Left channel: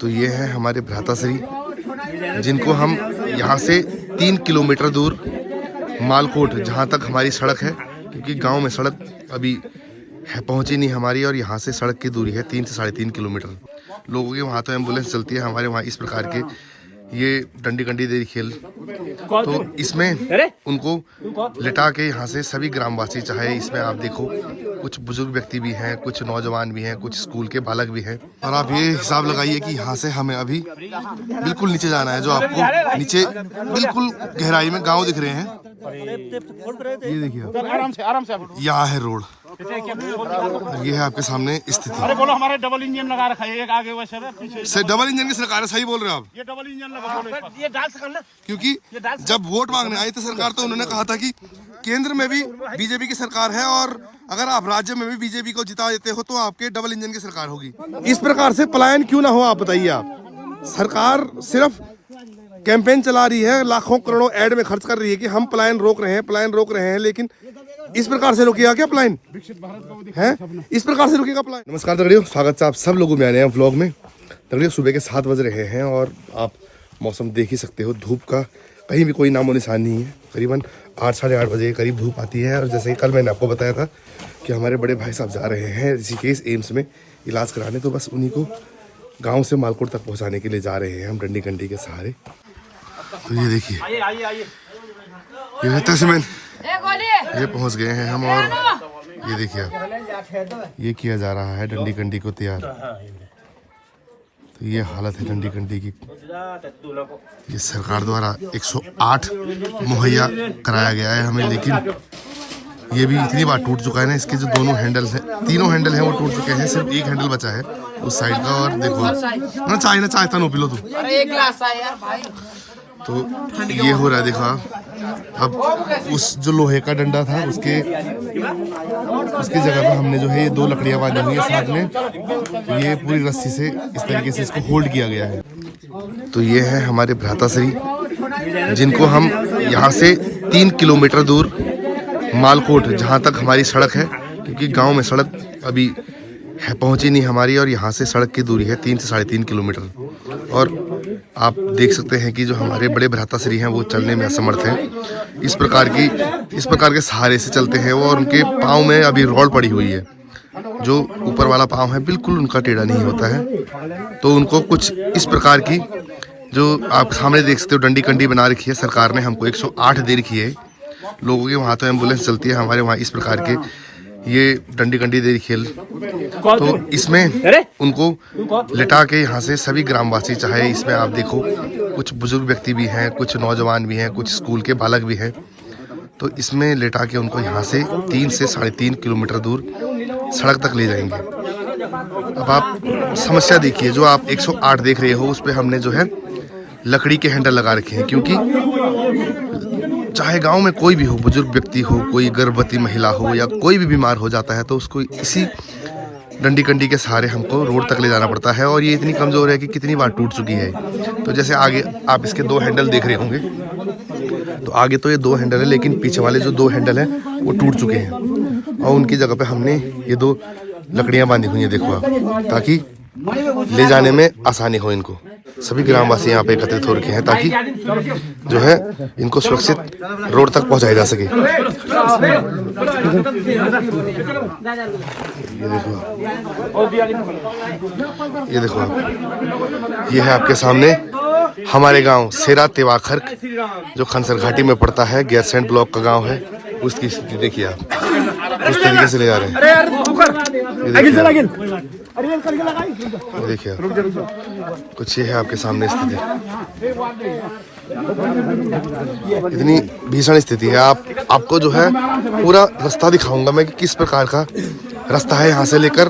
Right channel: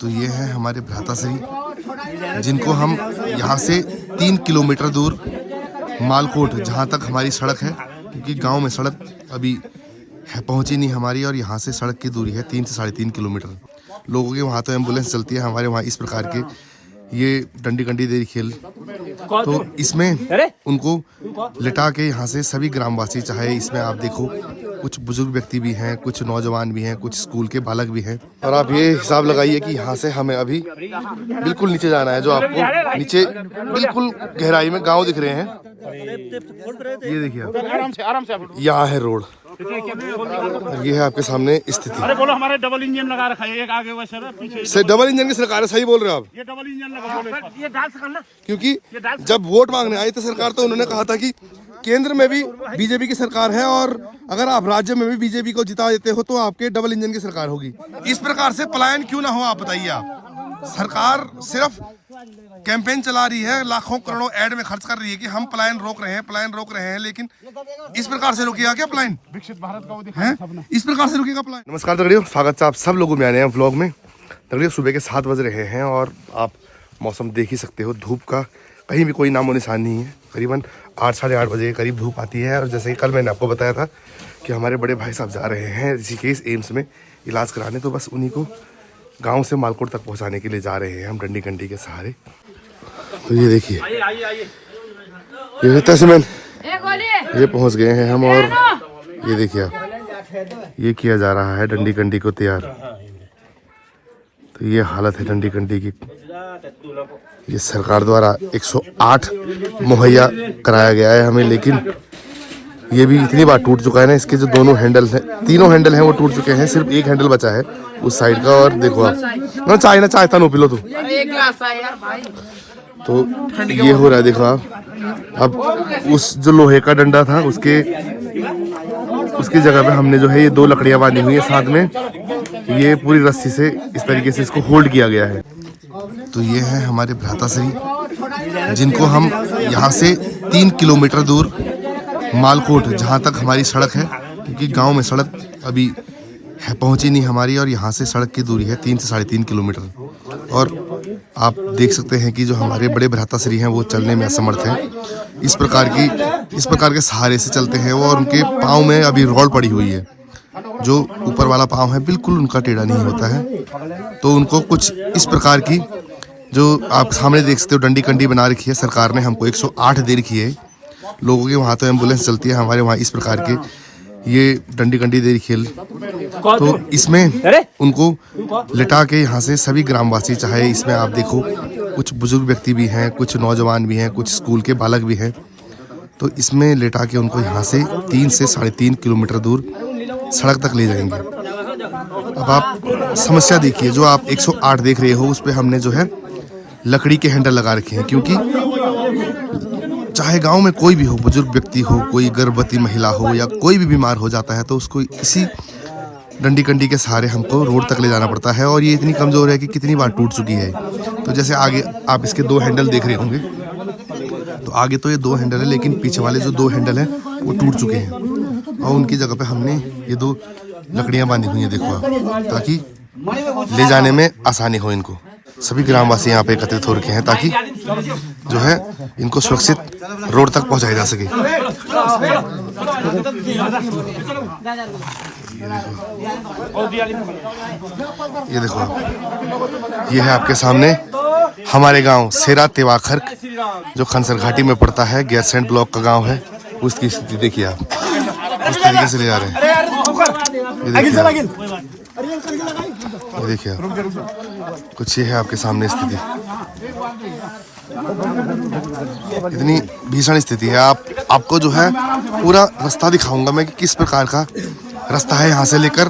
तो ये है हमारे भ्राताश्री, जिनको हम यहाँ से 3 किलोमीटर दूर मालकोट, जहाँ तक हमारी सड़क है, क्योंकि गांव में सड़क अभी है पहुँची नहीं हमारी, और यहाँ से सड़क की दूरी है 3 से 3.5 किलोमीटर। लोगों के वहाँ तो एम्बुलेंस चलती है, हमारे वहाँ इस प्रकार के ये डंडी कंडी देरी खेल, तो इसमें उनको लिटा के यहाँ से सभी ग्रामवासी, चाहे इसमें आप देखो कुछ बुजुर्ग व्यक्ति भी हैं, कुछ नौजवान भी हैं, कुछ स्कूल के बालक भी हैं, और आप ये हिसाब लगाइए कि यहाँ से हमें अभी बिल्कुल नीचे जाना है। जो आपको नीचे बिल्कुल गहराई में गांव दिख रहे हैं, ये देखिए यहाँ है रोड, और ये है आपके सामने स्थिति। अरे बोलो, हमारे डबल इंजन लगा रखा है, एक आगे से डबल इंजन की सरकार है, सही बोल रहे हो आप। ये डबल इंजन लगा, ये डांस करना, क्योंकि जब वोट मांगने आई थी सरकार, तो उन्होंने कहा था कि केंद्र में भी बीजेपी की सरकार है, और अगर आप राज्य में भी बीजेपी को जिता देते हो तो आपके डबल इंजन की सरकार होगी। इस प्रकार से पलायन क्यों ना हो, आप बताइए। आप सरकार सिर्फ कैंपेन चला रही है, लाखों करोड़ों ऐड में खर्च कर रही है कि हम पलायन रोक रहे हैं, पलायन रोक रहे हैं, लेकिन इस प्रकार से रुकेगा क्या पलायन? विकसित भारत का है, इस प्रकार से रुकेगा पलायन? नमस्कार तगड़ियों, स्वागत है आप सब लोगों में आने हैं व्लॉग में। तगड़ियों, सुबह के 7 बज रहे हैं और आप मौसम देख ही सकते हो, धूप का कहीं भी कोई नामो निशान नहीं है। करीबन 8 साढ़े 8 बजे के करीब धूप आती है, और जैसे कि कल मैंने आपको बताया था कि हमारे बड़े भाई साहब जा रहे हैं ऋषिकेश एम्स में इलाज कराने, तो बस उन्हीं को गाँव से मालकोट तक पहुँचाने के लिए जा रहे हैं हम डंडी कंडी के सहारे। तो ये देखिए, ये पहुंच गए हैं हम, और ये देखिए आप, ये किया जा रहा है डंडी कंडी को तैयार। तो ये हालत है डंडी कंडी की। ये सरकार द्वारा 108 मुहैया कराया गया है हमें, लेकिन ये भी इतनी बार टूट चुका है ना। इसके जो दोनों हैंडल हैं, तीनों हैंडल हैं, वो टूट चुके हैं, सिर्फ एक हैंडल बचा है उस साइड का। और देखो आप, चाय ना चाहता नो पिलो तू, तो ये हो रहा है, देखो आप। अब उस जो लोहे का डंडा था, उसके जगह पे हमने जो है ये 2 लकड़ियां बांधी हुई है साथ में, ये पूरी रस्सी से इस तरीके से इसको होल्ड किया गया है। तो ये है हमारे भ्राताश्री, जिनको हम यहाँ से 3 किलोमीटर दूर मालकोट, जहाँ तक हमारी सड़क है, क्योंकि गांव में सड़क अभी है पहुँची नहीं हमारी, और यहाँ से सड़क की दूरी है 3 से 3.5 किलोमीटर। और आप देख सकते हैं कि जो हमारे बड़े भ्राताश्री हैं वो चलने में असमर्थ हैं। इस प्रकार के सहारे से चलते हैं वो, और उनके पाँव में अभी रॉड पड़ी हुई है। जो ऊपर वाला पाँव है बिल्कुल उनका टेढ़ा नहीं होता है। तो उनको कुछ इस प्रकार की, जो आप सामने देख सकते हो, डंडी कंडी बना रखी है सरकार ने, हमको 108 दे रखी है। लोगों के वहाँ तो एम्बुलेंस चलती है, हमारे वहाँ इस प्रकार के ये डंडी कंडी देरी खेल, तो इसमें उनको लिटा के यहाँ से सभी ग्रामवासी, चाहे इसमें आप देखो कुछ बुजुर्ग व्यक्ति भी हैं, कुछ नौजवान भी हैं, कुछ स्कूल के बालक भी हैं, तो इसमें लिटा के उनको यहाँ से 3 से 3.5 किलोमीटर दूर सड़क तक ले जाएंगे। अब आप समस्या देखिए, जो आप 108 देख रहे हो, उस पर हमने जो है लकड़ी के हैंडल लगा रखे हैं, क्योंकि चाहे गांव में कोई भी हो, बुजुर्ग व्यक्ति हो, कोई गर्भवती महिला हो, या कोई भी बीमार हो जाता है, तो उसको इसी डंडी कंडी के सहारे हमको रोड तक ले जाना पड़ता है। और ये इतनी कमज़ोर है कि कितनी बार टूट चुकी है। तो जैसे आगे आप इसके 2 हैंडल देख रहे होंगे, तो आगे तो ये 2 हैंडल है, लेकिन पीछे वाले जो 2 हैंडल हैं वो टूट चुके हैं, और उनकी जगह पे हमने ये 2 लकड़ियाँ बांधी हुई हैं, देखो आप, ताकि ले जाने में आसानी हो इनको। सभी ग्रामवासी यहाँ पे एकत्रित हो रखे हैं ताकि जो है इनको सुरक्षित रोड तक पहुँचाया जा सके। ये देखो आप, ये है आपके सामने हमारे गांव सेरा तेवाखर, जो खनसर घाटी में पड़ता है, गैरसैंण ब्लॉक का गांव है। उसकी स्थिति देखिए आप, इस तरीके से ले जा रहे हैं। देखिए कुछ ये है आपके सामने स्थिति, इतनी भीषण स्थिति है। आपको जो है पूरा रास्ता दिखाऊंगा मैं कि किस प्रकार का रास्ता है यहाँ से लेकर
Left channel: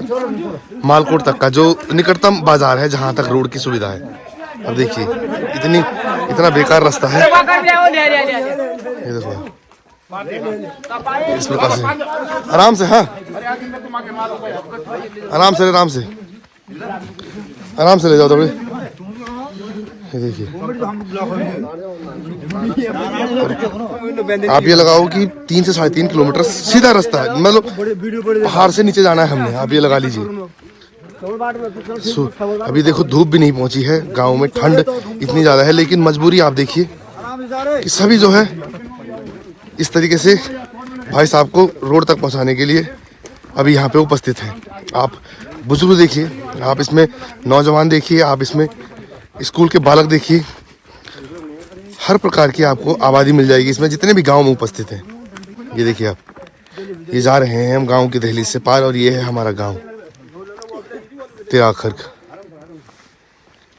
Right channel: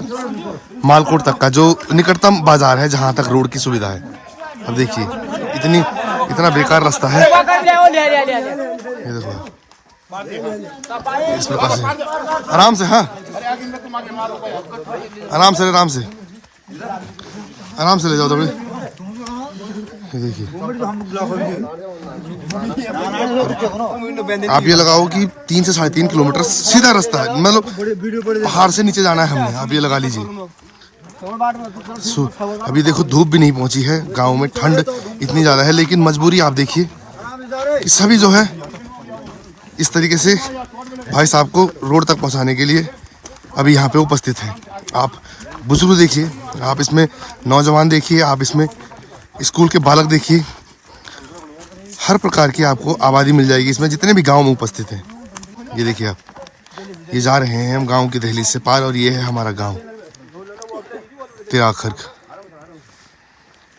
मालकोट तक का, जो निकटतम बाजार है जहाँ तक रोड की सुविधा है। अब देखिए इतना बेकार रास्ता है, ये देखो इस प्रकार से। आराम से, हाँ आराम से ले जाओ थोड़े। ये देखिए, आप ये लगाओ कि 3 से 3.5 किलोमीटर सीधा रास्ता है, मतलब पहाड़ से नीचे जाना है हमने। आप ये लगा लीजिए, अभी देखो धूप भी नहीं पहुंची है, गांव में ठंड इतनी ज़्यादा है, लेकिन मजबूरी आप देखिए कि सभी जो है इस तरीके से भाई साहब को रोड तक पहुंचाने के लिए अभी यहाँ पे उपस्थित हैं। आप बुजुर्ग देखिए, आप इसमें नौजवान देखिए, आप इसमें स्कूल के बालक देखिए, हर प्रकार की आपको आबादी मिल जाएगी इसमें, जितने भी गांव में उपस्थित हैं। ये देखिए आप, ये जा रहे हैं हम गांव की दहलीज से पार, और ये है हमारा गांव तेराखर्क,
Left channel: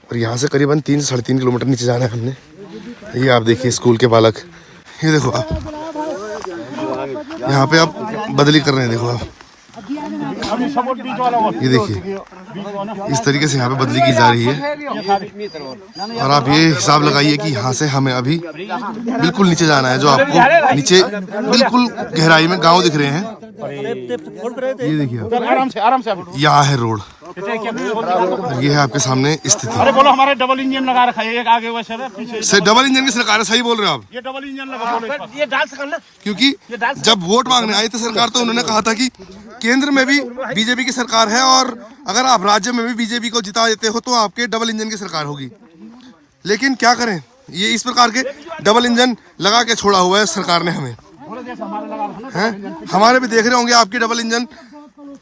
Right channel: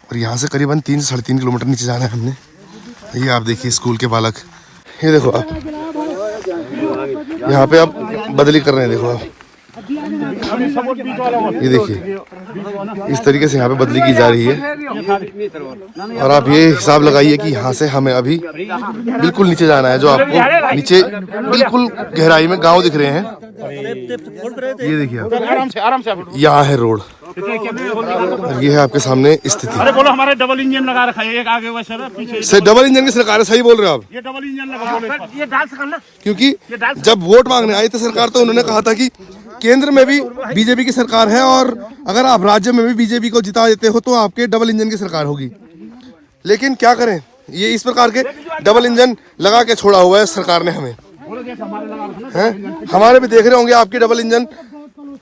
और यहाँ से करीबन 3 से 3.5 किलोमीटर नीचे जाना है हमने। ये आप देखिए स्कूल के बालक, ये देखो आप यहाँ पे आप बदली कर रहे हैं, देखो आप ये देखिए इस तरीके से यहाँ पे बदली की जा रही है। और आप ये हिसाब लगाइए कि यहाँ से हमें अभी बिल्कुल नीचे जाना है, जो आपको नीचे बिल्कुल गहराई में गांव दिख रहे हैं। ये देखिए आप, आराम से यहाँ है रोड, और ये है आपके सामने स्थिति। अरे बोलो हमारे डबल इंजन लगा रखा है, एक आगे वैसे पीछे से डबल इंजन की सरकार है, सही बोल रहे हो आप। ये डबल इंजन लगा बोले ये डाल सकना, क्योंकि जब वोट मांगने आई थी सरकार, तो उन्होंने कहा था कि केंद्र में भी बीजेपी की सरकार है, और अगर आप राज्य में भी बीजेपी को जिता देते हो तो आपके डबल इंजन की सरकार होगी। लेकिन क्या करें, ये इस प्रकार के डबल इंजन लगा के छोड़ा हुआ है सरकार ने हमें, हैं? हमारे भी देख रहे होंगे आपके डबल इंजन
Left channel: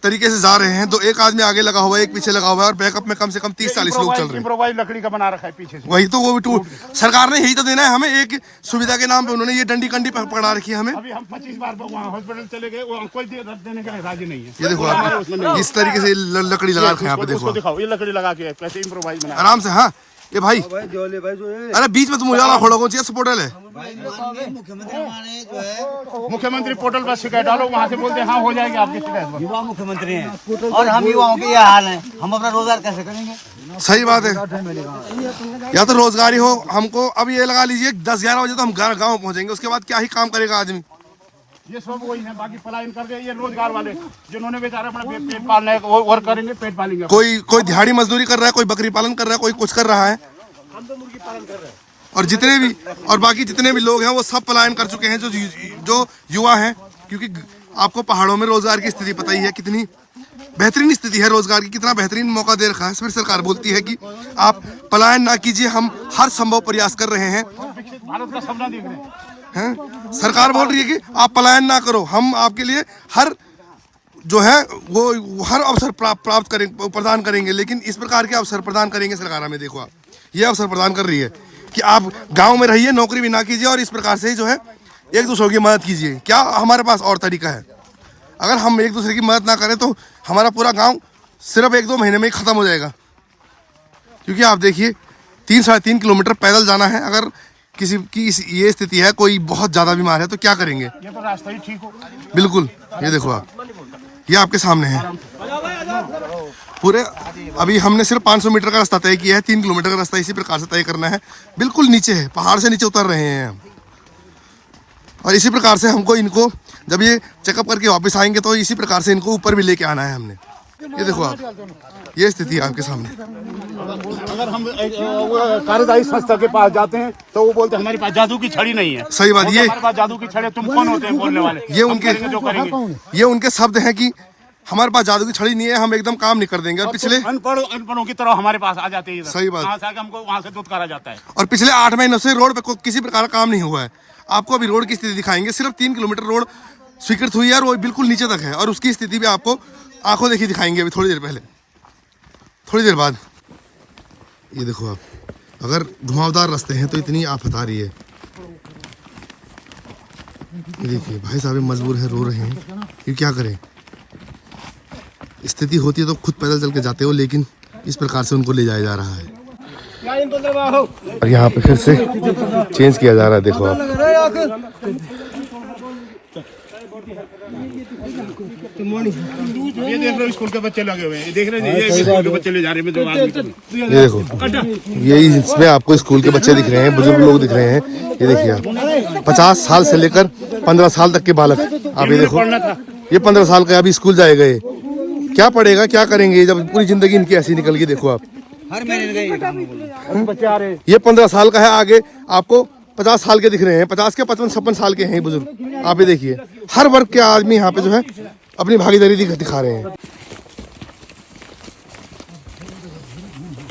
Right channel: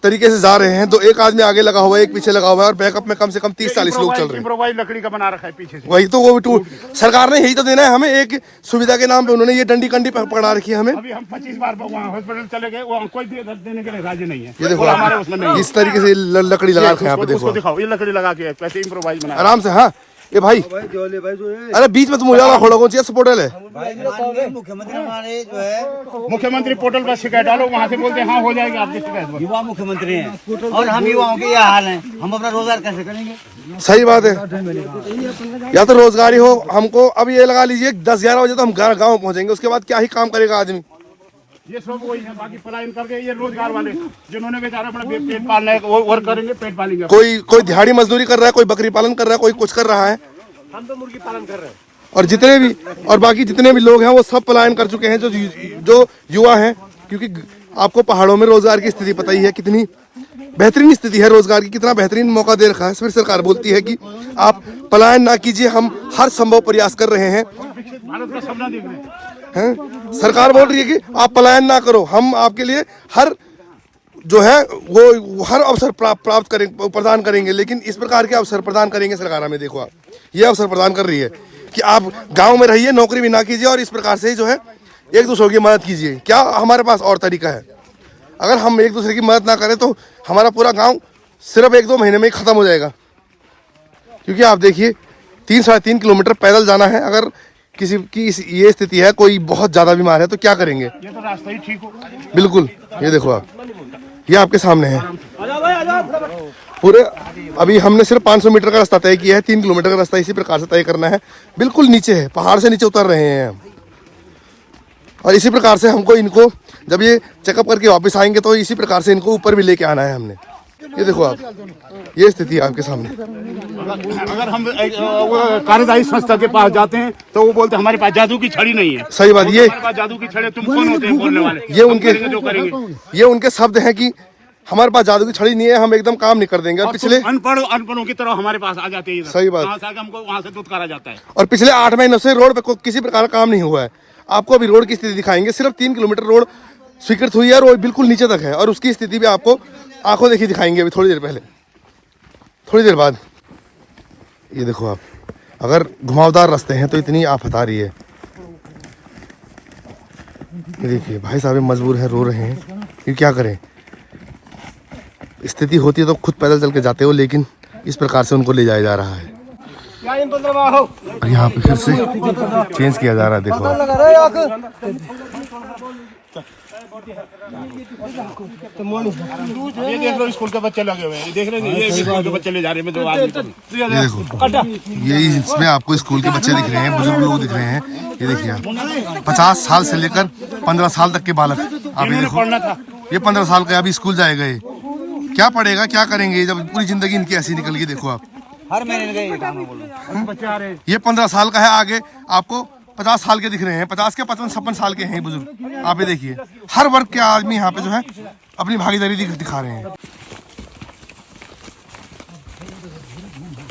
तरीके से जा रहे हैं, तो एक आदमी आगे लगा हुआ है, एक पीछे लगा हुआ है, और बैकअप में कम से कम 30-40 लोग चल रहे हैं। लकड़ी का बना रखा है पीछे से। वही तो, वो सरकार ने यही तो देना है हमें, एक सुविधा के नाम पे उन्होंने ये डंडी कंडी पकड़ा रखी है हमें। अभी हम 25 बार वहाँ हॉस्पिटल चले गए, वो कोई देने के लिए राजी नहीं है। ये देखो आप इस तरीके से लकड़ी लगा रखे हैं यहाँ पे, देखो आप ये लकड़ी लगा के कैसे इम्प्रोवाइज बना आराम से। हाँ ये भाई, अरे बीच में तुम उजाला खोलो, कौन सी सपोर्टल है? मुख्यमंत्री हमारे जो है मुख्यमंत्री पोर्टल पर शिकायत डालो, वहाँ से बोलते हैं हाँ हो जाएगी आपकी शिकायत। युवा मुख्यमंत्री हैं, और हम युवाओं के ये हाल हैं, हम अपना रोजगार कैसे करेंगे? सही बात है, या तो रोजगारी हो हमको। अब ये लगा लीजिए 10-11 बजे तो हम गाँव पहुँचेंगे, उसके बाद क्या ही काम करेगा आदमी। ये सब वही है, बाकी पलायन करके ये रोजगार वाले जिन्होंने बेचारा अपना पेट पालना है वो और करेंगे, पेट पालेंगे। कोई दिहाड़ी मजदूरी कर रहा है, कोई बकरी पालन कर रहा है, कोई कुछ कर रहा है, हम तो मुर्गी पालन कर रहे हैं। और जितने भी और बाकी जितने भी लोग हैं वो सब पलायन कर चुके हैं, जो युवा हैं। क्योंकि आपको पहाड़ों में रोजगार की स्थिति पता ही है, कितनी बेहतरीन स्थिति है रोजगार की, कितना बेहतरीन मौका दे रखा है। फिर सरकार बोलती है कि आप पलायन ना कीजिए, हम हर संभव प्रयास कर रहे हैं। भारत का सपना देख रहे हैं। सरकार बोल रही है कि आप पलायन ना करो, हम आपके लिए हर जो है वो हर अवसर प्राप्त प्रदान करेंगे। लेकिन इस प्रकार के अवसर प्रदान करेंगे सरकार हमें, देखो आप ये अवसर प्रदान कर रही है कि आप गांव में रहिए, नौकरी भी ना कीजिए, और इस प्रकार से जो है एक दूसरे की मदद कीजिए। क्या हमारे पास और तरीका है? अगर हम एक दूसरे की मदद ना करें तो हमारा पूरा गांव सिर्फ 1-2 महीने में ही ख़त्म हो जाएगा। क्योंकि आप देखिए 3 से 3.5 किलोमीटर पैदल जाना है। अगर किसी की ये स्थिति है, कोई बहुत ज़्यादा बीमार है, तो क्या करेंगे? ये तो रास्ता ही ठीक हो। बिल्कुल, ये देखो आप, ये आपके सामने है पूरे। अभी हमने सिर्फ 500 मीटर का रास्ता तय किया है, 3 किलोमीटर का रास्ता इसी प्रकार से तय करना है। बिल्कुल नीचे है, पहाड़ से नीचे उतर रहे हैं हम, और इसी प्रकार से हमको इनको जब ये चेकअप करके वापस आएंगे तो इसी प्रकार से इनको ऊपर भी लेके आना है हमने। ये देखो आप, ये स्थिति है आपके सामने। अगर हम कार्यदायी संस्था के पास जाते हैं तो वो बोलते हैं हमारे पास जादू की छड़ी नहीं है। सही बात, ये हमारे पास जादू की छड़ी, तुम कौन होते हैं बोलने वाले? ये उनके शब्द हैं कि हमारे पास जादू की छड़ी नहीं है, हम एकदम काम नहीं कर देंगे। और पिछले अनपढ़ों की तरह हमारे पास आ जाते हैं। सही बात, हमको वहाँ से दूध करा जाता है। और पिछले 8 महीनों से रोड पे किसी प्रकार का काम नहीं हुआ है। आपको अभी रोड की स्थिति दिखाएंगे। सिर्फ 3 किलोमीटर रोड स्वीकृत हुई है, रोड बिल्कुल नीचे तक है, और उसकी स्थिति भी आपको आंखों देखी दिखाएंगे अभी थोड़ी देर पहले, थोड़ी देर बाद। ये देखो आप, अगर घुमावदार रास्ते हैं तो इतनी आफत आ रही है। ये देखिए भाई साहब मजबूर है, रो रहे हैं कि क्या करें। स्थिति होती है तो खुद पैदल चल के जाते हो, लेकिन इस प्रकार से उनको ले जाया जा रहा है। और यहाँ पे फिर से चेंज किया जा रहा है, देखो ये देख लो स्कूल के बच्चे लगे हुए हैं, देख रहे हैं ये स्कूल के बच्चे ले जा रहे हैं। ये देखो, ये इसमें आपको स्कूल के बच्चे दिख रहे हैं, बुजुर्ग लोग दिख रहे हैं। ये देखिए आप 50 साल से लेकर 15 साल तक के बालक, आप ये देखो, ये 15 साल का अभी स्कूल जाएगा। ये क्या पढ़ेगा, क्या करेंगे जब पूरी जिंदगी इनकी ऐसी निकल गई? देखो आप, हर महीने बच्चे आ रहे हैं। ये 15 साल का है, आगे आपको 50 साल के दिख रहे हैं, 50 के 55-56 साल के हैं बुजुर्ग। आप ये देखिए, हर वर्ग के आदमी यहाँ पे जो है अपनी भागीदारी दिखा रहे हैं।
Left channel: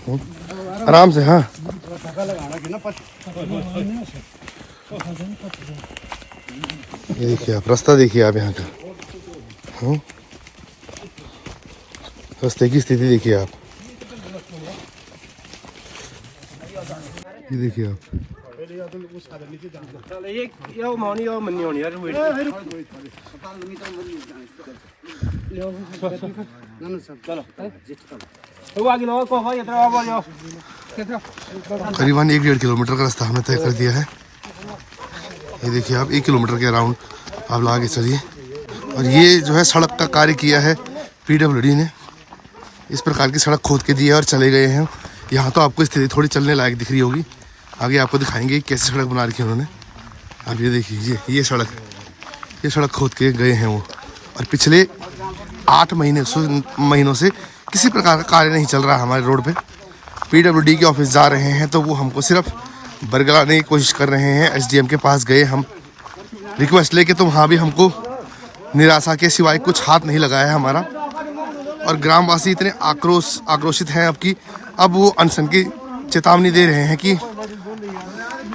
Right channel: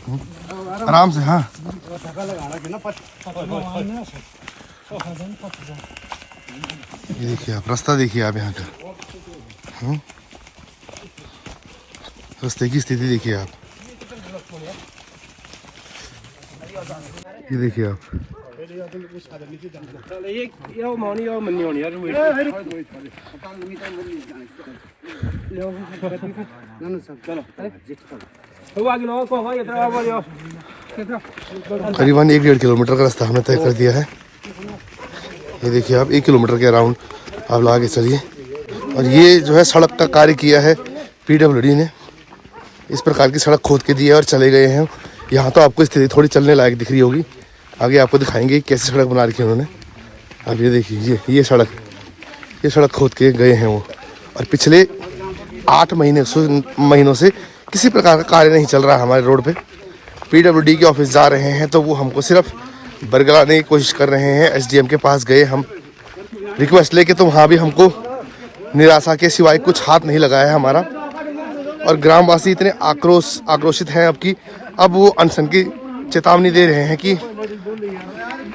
आराम से। हाँ ये देखिए आप, रास्ता देखिए आप यहाँ का। रास्ते की स्थिति देखिए आप, ये देखिए आप। करीबन 1-1.5 किलोमीटर का रास्ता हमने तय कर दिया है। ये देखिए आप, 1 किलोमीटर के अराउंड आप लगा के चलिए। और ये जो है सड़क का कार्य किया है PWD ने, इस प्रकार की सड़क खोद के दी है और चले गए हैं। यहाँ तो आपको स्थिति थोड़ी चलने लायक दिख रही होगी, आगे आपको दिखाएंगे कैसी सड़क बना रखी है उन्होंने। अब ये देखिए, ये सड़क खोद के गए हैं वो। और पिछले 8 महीनों से किसी प्रकार का कार्य नहीं चल रहा हमारे रोड पे। PWD के ऑफिस जा रहे हैं तो वो हमको सिर्फ बरगलाने की कोशिश कर रहे हैं। SDM के पास गए हम रिक्वेस्ट लेके, तो वहाँ भी हमको निराशा के सिवाय कुछ हाथ नहीं लगाया है हमारा। और ग्रामवासी इतने आक्रोशित हैं अब वो अनशन की चेतावनी दे रहे हैं कि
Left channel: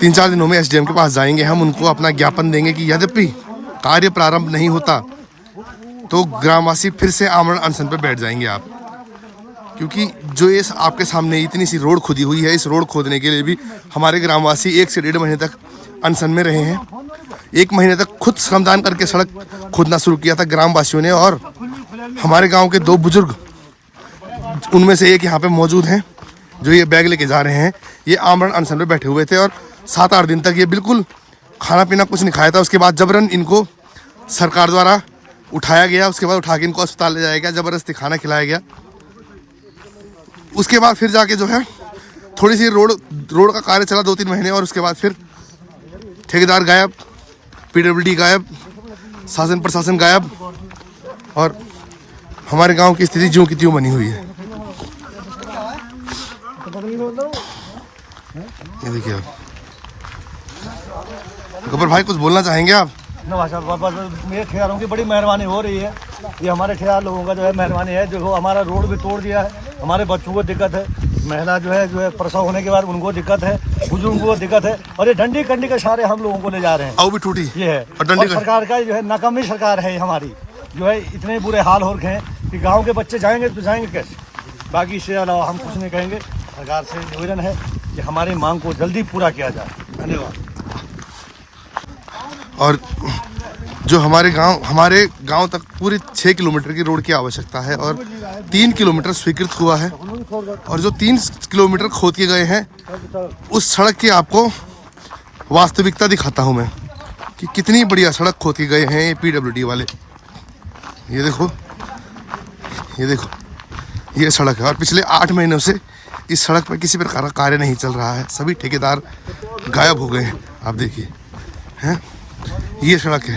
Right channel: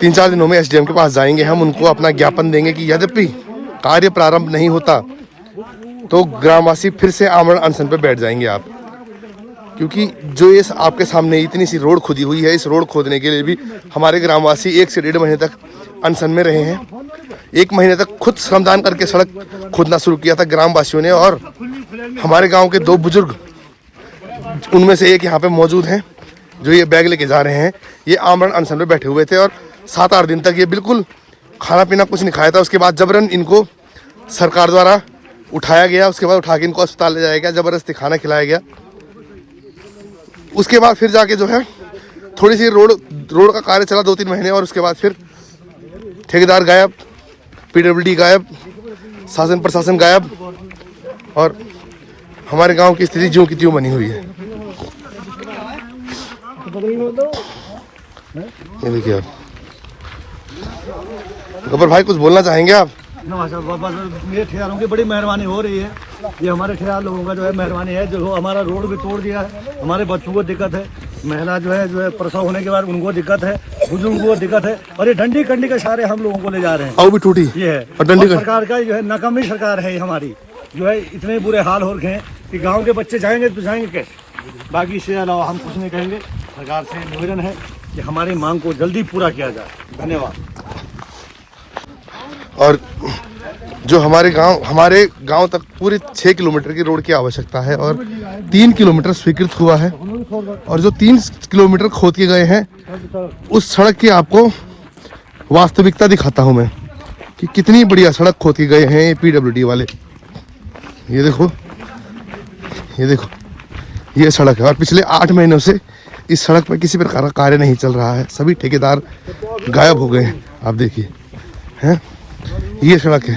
3-4 दिनों में SDM के पास जाएंगे हम, उनको अपना ज्ञापन देंगे कि यद्यपि कार्य प्रारंभ नहीं होता तो ग्रामवासी फिर से आमरण अनशन पर बैठ जाएंगे आप। क्योंकि जो ये आपके सामने इतनी सी रोड खुदी हुई है, इस रोड खोदने के लिए भी हमारे ग्रामवासी 1 से 1.5 महीने तक अनशन में रहे हैं। 1 महीने तक खुद श्रमदान करके सड़क खोदना शुरू किया था ग्रामवासियों ने। और हमारे गांव के 2 बुजुर्ग, उनमें से एक यहाँ पे मौजूद हैं जो ये बैग लेके जा रहे हैं, ये आमरण अनशन में बैठे हुए थे। और 7-8 दिन तक ये बिल्कुल खाना पीना कुछ नहीं खाया था। उसके बाद जबरन इनको सरकार द्वारा उठाया गया, उसके बाद उठा के इनको अस्पताल ले जाया गया, ज़बरदस्ती खाना खिलाया गया। उसके बाद फिर जाके जो है थोड़ी सी रोड का कार्य चला 2-3 महीने, और उसके बाद फिर ठेकेदार गायब, PWD गायब, शासन प्रशासन गायब, और हमारे गांव की स्थिति ज्यों की त्यों बनी हुई है। ये देखिए आप। गब्बर भाई कुछ बोलना चाहेंगे आप? मेरे ठेकेदारों की बड़ी मेहरबानी हो रही है। ये हमारे ठेकेदार लोगों का जो है मेहरबानी है, जो हमारा रोड भी तोड़ दिया है। हमारे बच्चों को दिक्कत है, महिला जो है प्रसव होने के बाद उनको दिक्कत है, बुजुर्गों को दिक्कत है। और ये डंडी कंडी के सारे हम लोगों को ले जा रहे हैं। भी टूटी ये है और सरकार का जो है नाकामी सरकार है हमारी, जो है इतने बुरे हाल हो रखे हैं कि गाँव के बच्चे जाएंगे तो जाएंगे कैसे। बाकी इससे अलावा हम कुछ नहीं कहेंगे। सरकार से निवेदन है कि हमारी मांग को जल्दी पूरा किया जाए। धन्यवाद। और जो हमारे गांव तक पूरी 6 किलोमीटर की रोड की आवश्यकता है, और 3 किलोमीटर स्वीकृत हुआ है। और जो 3 किलोमीटर खोद के गए हैं, उस सड़क की आपको वास्तविकता दिखाता हूं मैं कि कितनी बढ़िया सड़क खोद के गए हैं ये PWD वाले। ये देखो, ये सड़क है। और पिछले 8 महीनों से इस सड़क पर किसी प्रकार का कार्य नहीं चल रहा है। सभी ठेकेदार गायब हो गए हैं। आप देखिए हैं, ये सड़क है,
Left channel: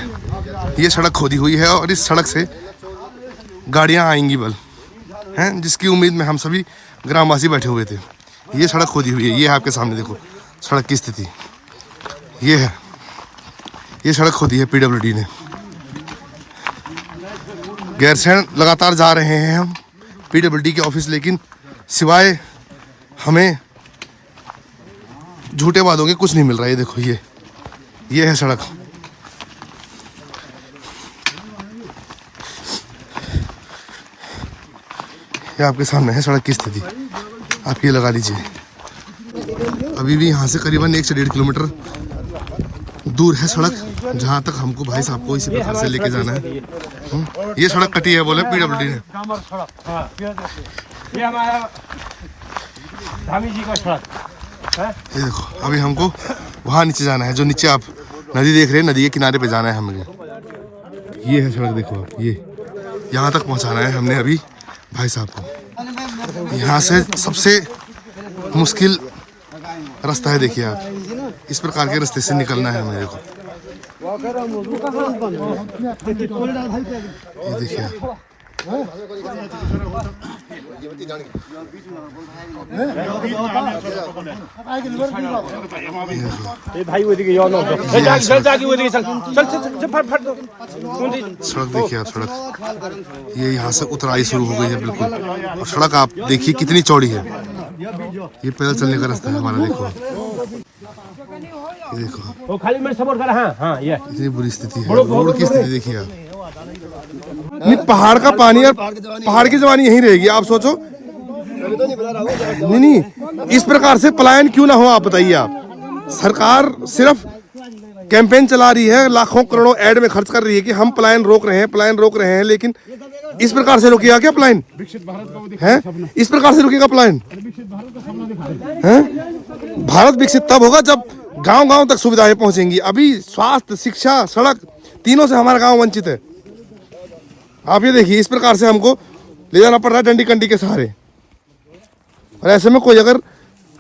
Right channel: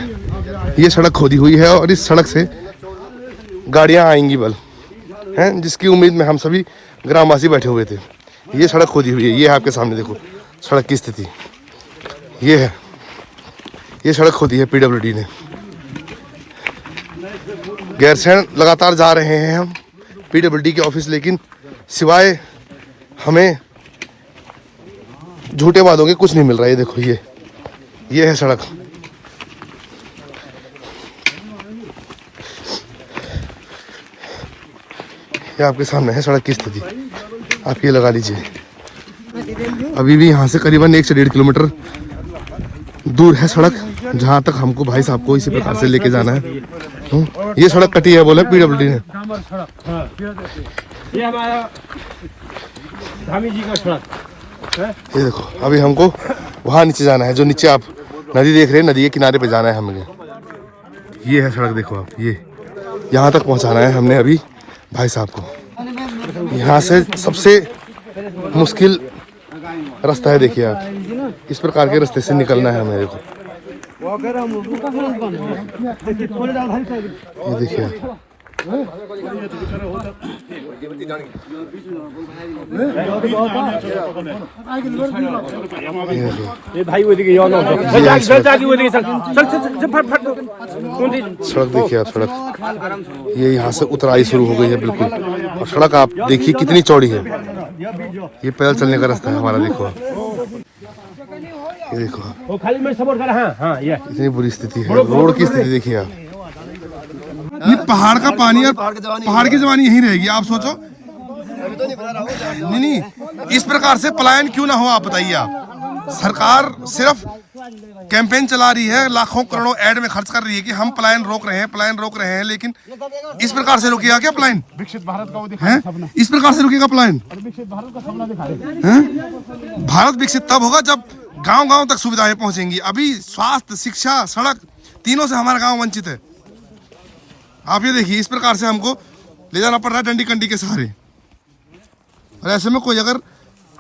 ये सड़क खोदी हुई है और इस सड़क से गाड़ियां आएंगी बल हैं, जिसकी उम्मीद में हम सभी ग्रामवासी बैठे हुए थे। ये सड़क खोदी हुई है, ये है आपके सामने देखो सड़क की स्थिति। ये है, ये सड़क खोदी है PWD ने। गैरसैंण लगातार जा रहे हैं हम PWD के ऑफिस, लेकिन सिवाय हमें झूठे वादों के कुछ नहीं मिल रहा है। ये देखो, ये है सड़क। ये आपके सामने है सड़क की स्थिति, आप ये लगा लीजिए। अभी भी यहाँ से करीबन 1 से 1.5 किलोमीटर दूर है सड़क, जहाँ तक हमको भाई साहब को इसी प्रकार से लेके जाना है। ये सड़क कटी है बोले PWD ने। ये हमारा धामी जी का सड़क है। ये देखो, अभी हमको वहाँ नीचे जाना है, जो नीचे आप नदी देख रहे हैं, नदी के किनारे पे जाना है हमें। ये है सड़क, देखो आप, ये यहाँ तक पहुँचाना है हमने अभी भाई साहब को। यहाँ से सबसे मुश्किल रास्ता है, देखिए आप, इस प्रकार के रास्ते से निकलना है हमें। देखो, ये देखिए आप, सड़क देखिए आप, सड़क ये यहाँ से उतराई शुरू हो गई है बिल्कुल। और सड़क आप देखिए कितनी चौड़ी है। ये पैदल चलने का रास्ता है हमारा। देखो ये देखो वो खाली मैं सपोर्ट कर। हाँ हाँ ये इतनी बुरी स्थिति है, रोड की स्थिति देखिए आप। ये पहाड़ का पानी और पहाड़ की जवानी यहीं रहेगी, आप सोचो। नहीं, इस प्रकार से पलायन क्यों ना हो, आप बताइए। आप सरकार सिर्फ कैंपेन चला रही है, लाखों करोड़ों ऐड में खर्च कर रही है कि हम पलायन रोक रहे हैं, लेकिन इस प्रकार से रुकेगा क्या पलायन? विकसित भारत का वो दिखा है, इस प्रकार से रुकेगा पलायन? विकसित भारत का सपना दिखा रहे हैं? भारत विकसित तब होगा जब गांव-गांव तक सुविधाएं पहुंचेंगी। अभी स्वास्थ्य, शिक्षा, सड़क, तीनों से हमारा गांव वंचित है। आप ये देखिए, इस प्रकार से हमको ले जाना पड़ रहा है डंडी कंडी के सहारे। और ऐसे में कोई अगर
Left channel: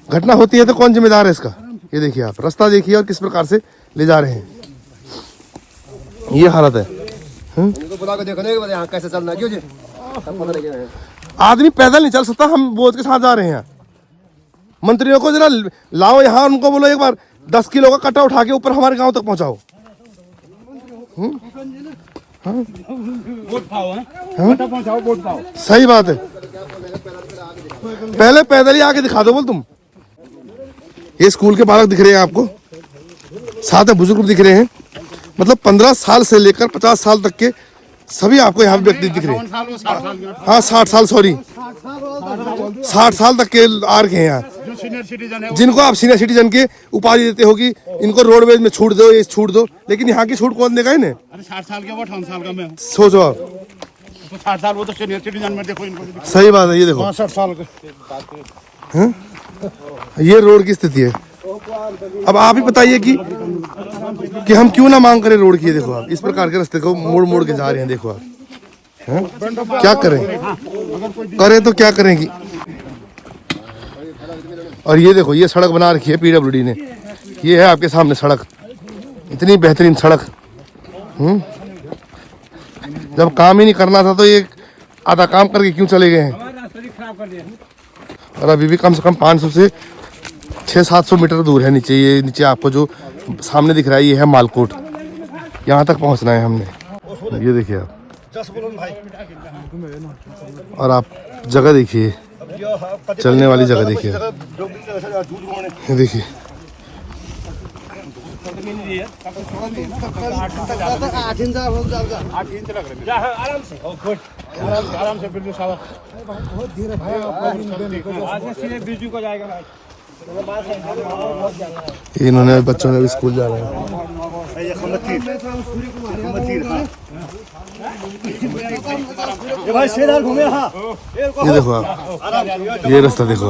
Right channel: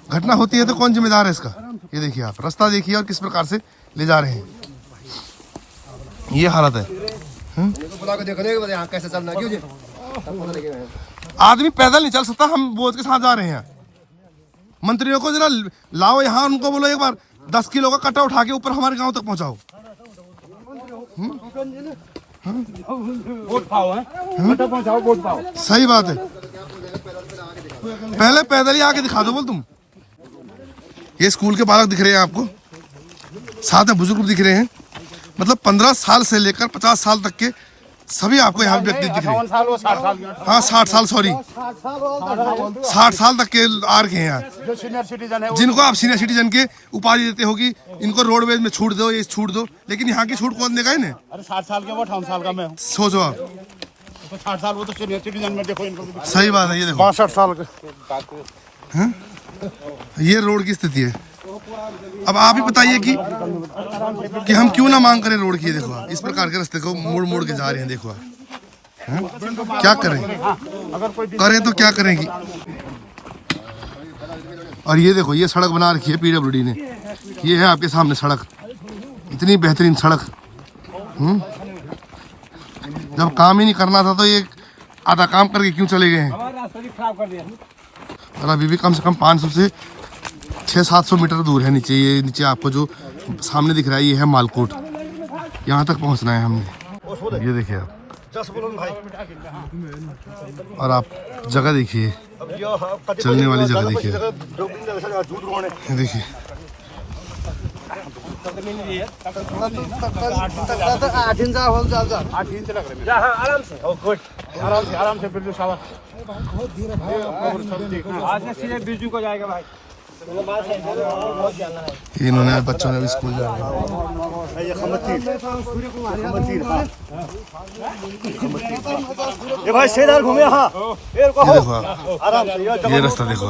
घटना होती है तो कौन जिम्मेदार है इसका? ये देखिए आप, रास्ता देखिए और किस प्रकार से ले जा रहे हैं। ये हालत है। आदमी पैदल नहीं चल सकता, हम बोझ के साथ जा रहे हैं। मंत्रियों को जरा लाओ यहाँ, उनको बोलो एक बार 10 किलो का कट्टा उठा के ऊपर हमारे गांव तक पहुंचाओ। वोट पाओ है, कट्टा पहुंचाओ, वोट पाओ। सही बात है, पहले पैदल ही आके दिखा दो बोल तुम। ये स्कूल के बालक दिख रहे हैं आपको, साथ में बुजुर्ग दिख रहे हैं। मतलब 15 साल से लेकर 50 साल तक के सभी आपको यहाँ व्यक्ति दिख रहे हैं। हाँ 60 साल, सॉरी 60 साल तक के आ रखे हैं यहाँ, जो सीनियर सिटीजन है, जिनको आप सीनियर सिटीजन के उपाधि देते हो कि इनको रोडवेज में छूट दो, ये छूट दो। लेकिन यहाँ की छूट कौन देगा इन्हें? अरे 60 साल के वो 58 साल का मैं हूँ। सोचो आप, तो 60 साल वो तो सीनियर सिटीजन में देखो इनको भी। सही बात है। ये देखो 62 साल के ये रोड की स्थिति है। अब आप ही बताइए कि हम क्यों ना मांग करें रोड की। देखो आप, इस प्रकार के रास्ते को मोड़ मोड़ के जा रहे हैं। देखो आप, क्या करें तो क्या करेंगी। और ये देखो, ये सड़क बना रखी है पीडब्ल्यूडी ने। ये है आपके सामने सड़क, इतनी बेहतरीन सड़क। जब काम ही नहीं करना था तो ये आधा काम करके क्यों चले गए हैं? और अभी भी कम से कम 500 से 600-700 मीटर दूर है नीचे। ये नीचे आपको जो सामने दिख रहा है, ये है मालकोट। यहाँ तक पहुँचना है हमने। ये देखिए आप, और आप जगह देखिए, चलने वाली जगह देखिए। ये देखिए, आराम से फिर जो शाबाश सीधे बीजू को जाएगा भाई। इन्होंने बच्चों ने भी स्कूल जा रहे हैं। ये भाई शेर घूमे। हाँ ये देखो आप, ये रास्ता देखो।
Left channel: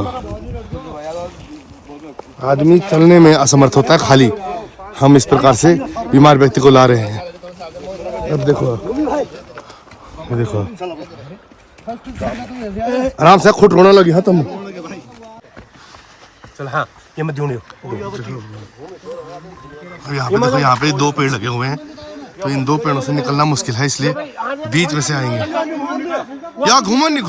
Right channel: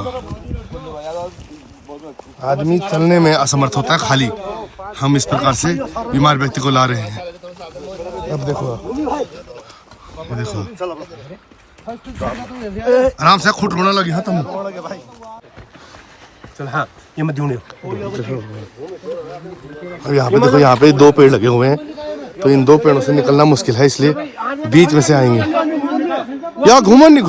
आदमी चलने में असमर्थ होता है, खाली हम इस प्रकार से बीमार व्यक्ति को ला रहे हैं। अब देखो, ये देखो, आराम से खुद रोना लगी है तुम। चल हाँ, ये मत ढूंढो। अब यहाँ पे देखो, यहाँ पे 2 पेड़ लगे हुए हैं, तो इन 2 पेड़ों से निकलना मुश्किल है, इसलिए बीच में से आएंगे। या घूमन नहीं,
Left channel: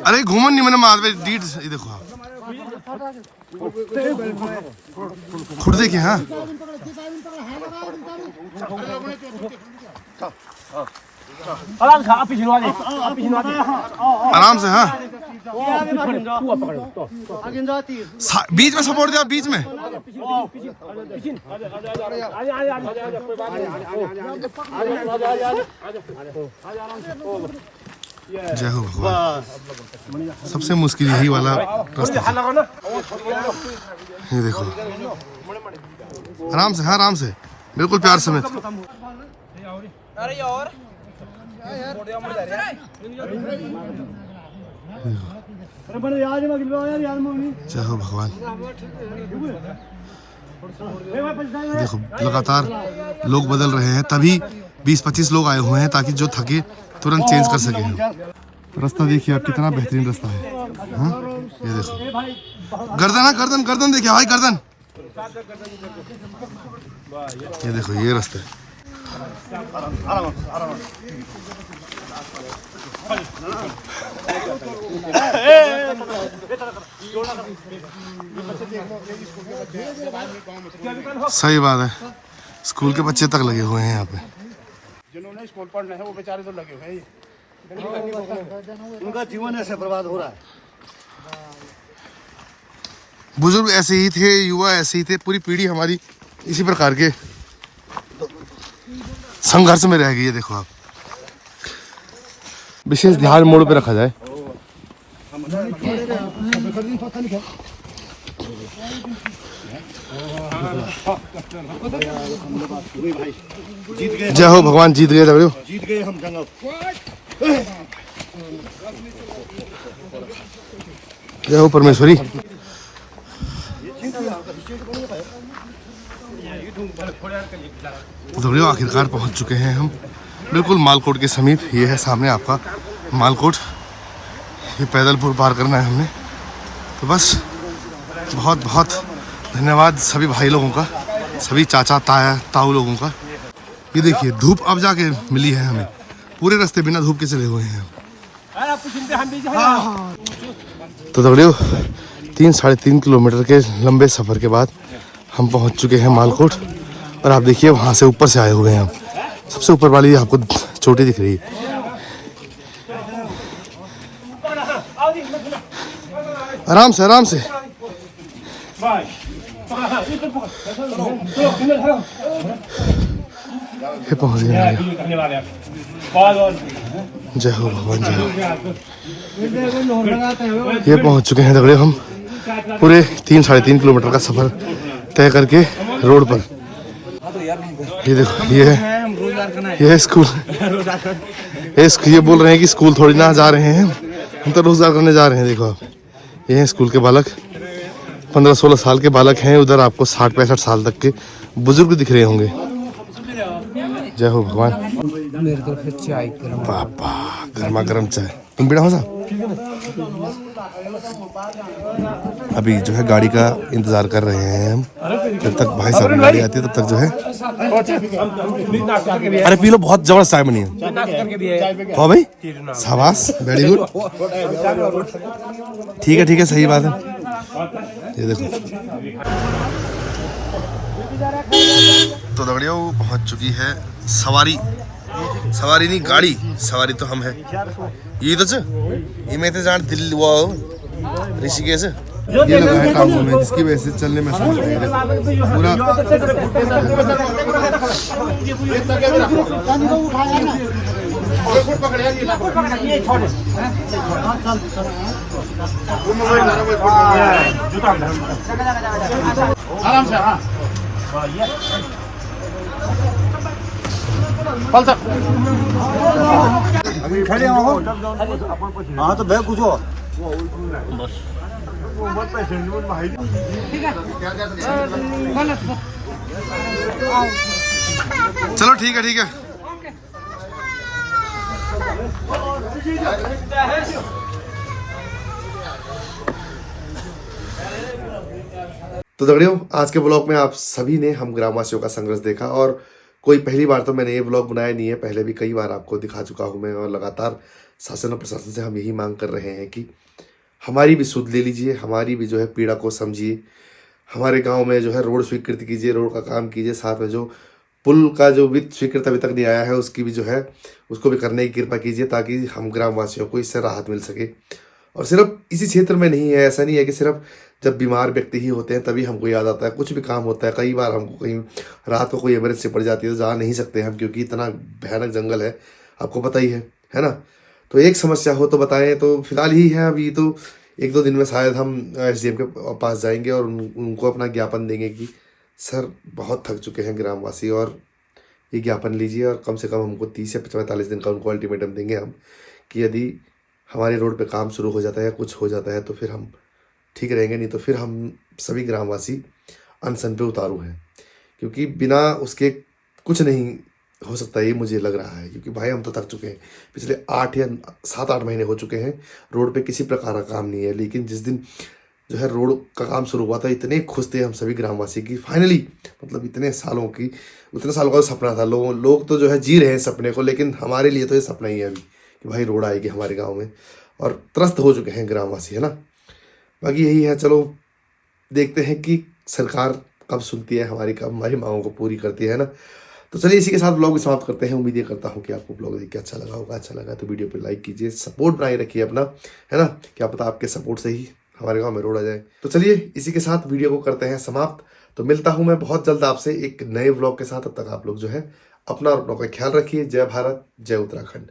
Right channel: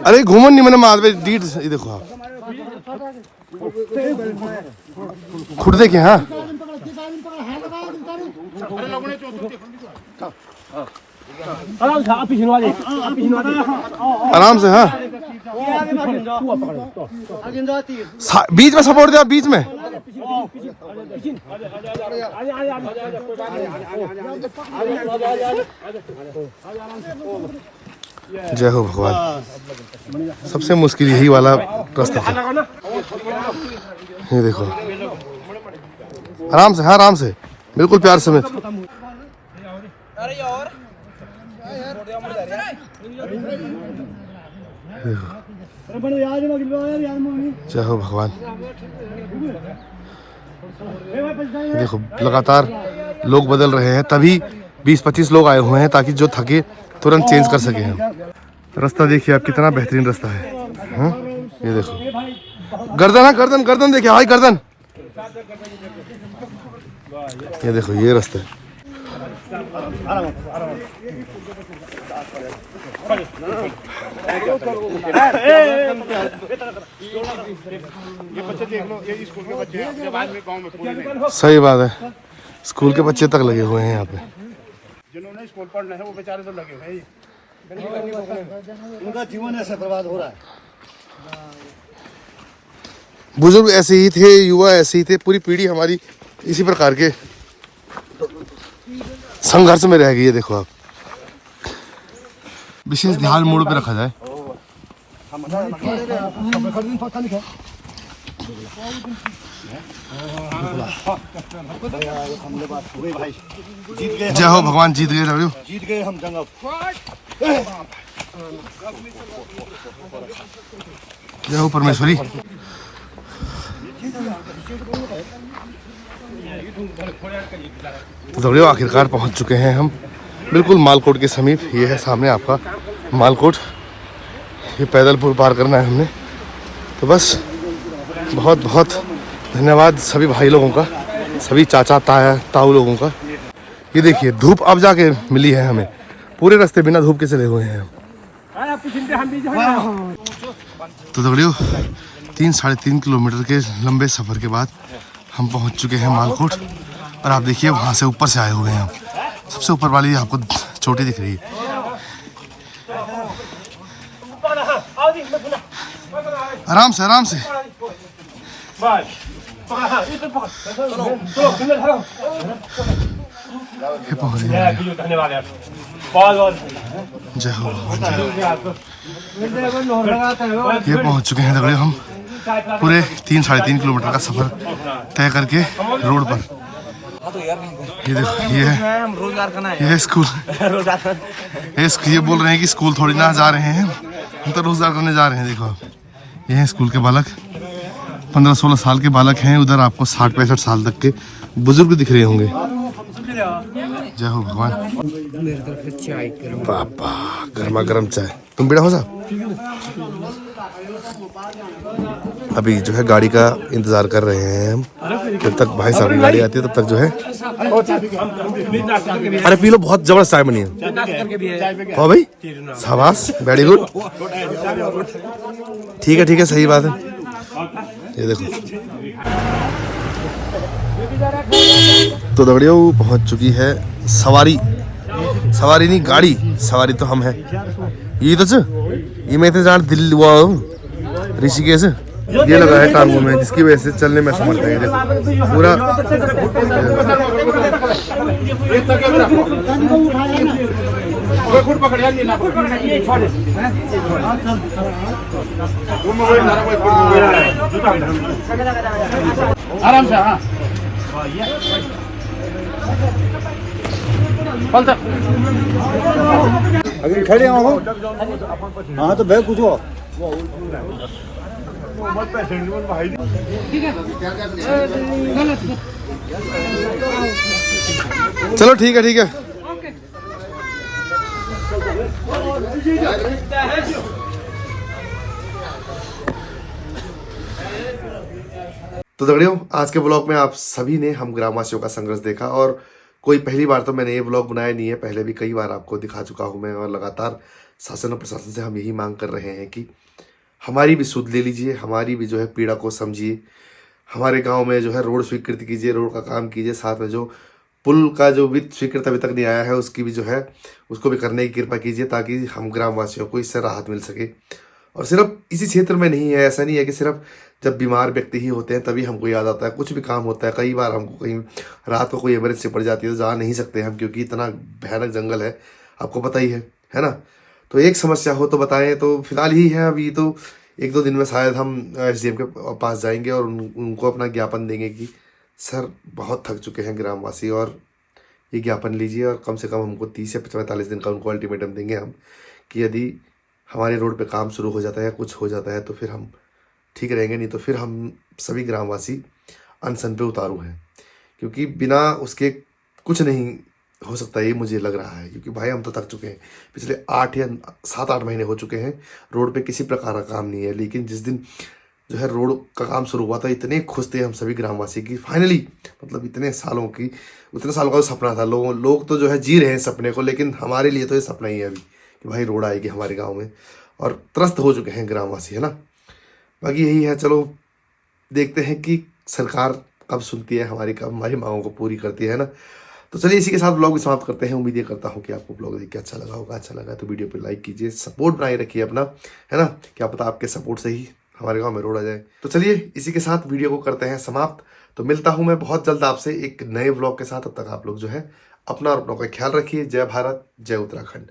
अरे घूमन नहीं, मैंने मार पे डीट। ये देखो आप, खुद देखिए। हाँ आराम से। हाँ बीच में सपोर्ट दे, बीच में। जय हो भगवान। सबसे मुश्किल यही वाला रास्ता था। ये देखो, आराम से। हाँ आराम से, बिल्कुल प्यार समेत। जय हो भगवान। देखो लगातार लोग बदल रहे हैं, तभी 20-25 लोग आए हुए हैं ताकि जो थके तुरंत चेंज कर सके हम। रास्ता देखिए आप, कितना बेहतरीन रास्ता है। हाँ ये देखो, गर्दन है, गर्दन गर्दन देखिए भाई, गर्दन। ये देखो, ये रास्ता है। सही बात है, स्कूल के बच्चे तक लगे हुए हैं यहाँ पे। जिन्होंने स्कूल पढ़ना है वो बेचारे तो लगे हुए हैं। उनका जीवन ऐसे बर्बाद हो रहा है। बुजुर्ग ऐसे ही थे, युवा ऐसे ही थे, पूरी पीढ़ी हमारी इसी प्रकार के संघर्ष में रह गई है। देखो आप, विशेष ध्यान मोड़ पे रखा जाए। जीत गए, जय हो भगवान, जीत गए। दगड़ियों जीत गए हम जंग। जय हो परमेश्वरी। दगड़ियों आखिरकार पहुंच चुके हैं हम बिल्कुल मालकोट के समीप। ये है सामने आपका मालकोट। ये पैदल पुल पार करना है हमने। तो बस बहुत बहुत धन्यवाद सभी भाई लोगों का, सभी चाचा ताया ताऊ लोगों का। ये देखिए धूप अब जाके मिली है हमें, पूरे रास्ते बिना धूप के चले हुए हैं हम। तो दगड़ियों 3-3.5 किलोमीटर के लंबे सफ़र के बाद हम पहुंच चुके हैं मालकोट। और आप देखिए वहाँ से ऊपर से आए हुए हैं हम। सबसे ऊपर वाली आपको चोटी दिख रही है। आराम से आराम से। ये पहुंच गए। धन्यवाद यार, जय हो भगवान, जय हो। ये पहुंच चुके हैं दगड़ियों हम पूरे 3-3.5 किलोमीटर का सफर तय करके रोड पर। ये देखो ये स्कूल, ये बोल रहे हैं कि स्कूल थोड़ी ना जा रहे हैं, हम तो रोजगार करने जा रहे हैं। देखो आप, ये हैं स्कूल के बालक, 15-16 साल के बालक हैं। उधर आपको 60-65 साल तक के बुजुर्ग दिख रहे होंगे। जय हो भगवान। पापा गर्मा गर्म चाय, तुम बिड़ा हो साहब। अभी जो है गाड़ी का इंतजार कर रहे हैं हम, जब तक भाई साहब की गाड़ी आती है तब तक जो है। अरे पी लो, बहुत जबरदस्त चाय बनी है। हाँ भाई, शाबाश, वेरी गुड। ठीक है, सही बात है। ये देखो तो दगड़ियों पहुंच चुकी है सवारी नहीं गाड़ी, सवारी तो हम है। ये तो ये मैं तो जान दिल्ली ऋषिकेश ये लगा है टांगों में, जिसकी वजह से चलने में समझ नहीं है। पूरा आराम से। हाँ अभी खड़े हो। हाँ तो भाई कुछ चलो ठीक है। तो दगड़ियों आज के ब्लॉग में आप सभी ने हम ग्रामवासियों का संघर्ष देखा। और कोई पहली बार तो मैंने ये ब्लॉग बनाया नहीं है, पहले भी कई बार आपको दिखा चुका हूँ मैं। और लगातार शासन और प्रशासन से हम यही मांग कर रहे हैं कि हमारी भी सुध ले लीजिए, हमारी भी जो है पीड़ा को समझिए। हमारे गांव में जो है रोड स्वीकृत कीजिए, रोड का काम कीजिए। साथ में जो पुल का जो वित्त स्वीकृत अभी तक नहीं आया है उसकी भी जो है उसको भी करने की कृपा कीजिए, ताकि हम ग्रामवासियों को इससे राहत मिल सके। और सिर्फ इसी क्षेत्र में नहीं है, ऐसा नहीं है कि सिर्फ जब बीमार व्यक्ति ही होते हैं तभी हमको याद आता है। कुछ भी काम होता है, कई बार हमको कहीं रात को कोई इमरजेंसी पड़ जाती है तो जा नहीं सकते हम, क्योंकि इतना भयानक जंगल है, आपको पता ही है ना। तो एक समस्या हो तो बताएं। तो फिलहाल ही है, अभी तो 1-2 दिन में शायद हम SDM के पास जाएंगे और उनको अपना ज्ञापन देंगे कि सर बहुत थक चुके हैं ग्रामवासी, और ये ज्ञापन लीजिए। और कम से कम हमको 30 या 45 दिन का उनको अल्टीमेटम देंगे हम, कि यदि हमारे रोड पे काम शुरू हो जाता है या कुछ हो जाता है तो फिर हम ठीक रहेंगे, नहीं तो फिर हम सभी ग्रामवासी अनशन पे उतारू हैं। क्योंकि बिना उसके कुछ नहीं हो सकता, ये मुझे लग रहा है। क्योंकि भाई हम तो थक चुके हैं, पिछले 8 या 7-8 महीने हो चुके हैं रोड पे किसी प्रकार का काम नहीं है। लेकिन जिस दिन जो है रोड का काम शुरू हुआ था, इतने खुश थे हम सभी ग्रामवासी की फाइनली, मतलब उतने सालों का जो सपना था, लोग तो जो है जी रहे हैं सपने को, लेकिन हमारे लिए तो ये सपना ही है अभी कि भाई रोड आएगी हमारे गाँव में। और त्रस्त हो चुके हैं ग्रामवासी, है ना। बाकी यही है, चलो देखते हैं कि सरकार कब सुनती है हमारी, कब हमारी मांगों को पूरी करती है ना। तो चलिए इसी के साथ ब्लॉग भी समाप्त करते हैं। उम्मीद ये करता हूँ कि आपको ब्लॉग देख के अच्छा लगा होगा। अच्छा लगा तो वीडियो पे लाइक कीजिए, सपोर्ट बनाए रखिए अपना, है ना। क्या पता आपके सपोर्ट से ही हमारे गांव में रोड आ जाए। तो चलिए इसी के साथ वीडियो को करते हैं समाप्त। तो मिलता हूँ मैं बहुत जल्द आपसे एक नए व्लॉग के साथ। तब तक आप लोग जो है अपना और अपनों का ख्याल रखिए। जय भारत, जय उत्तराखंड।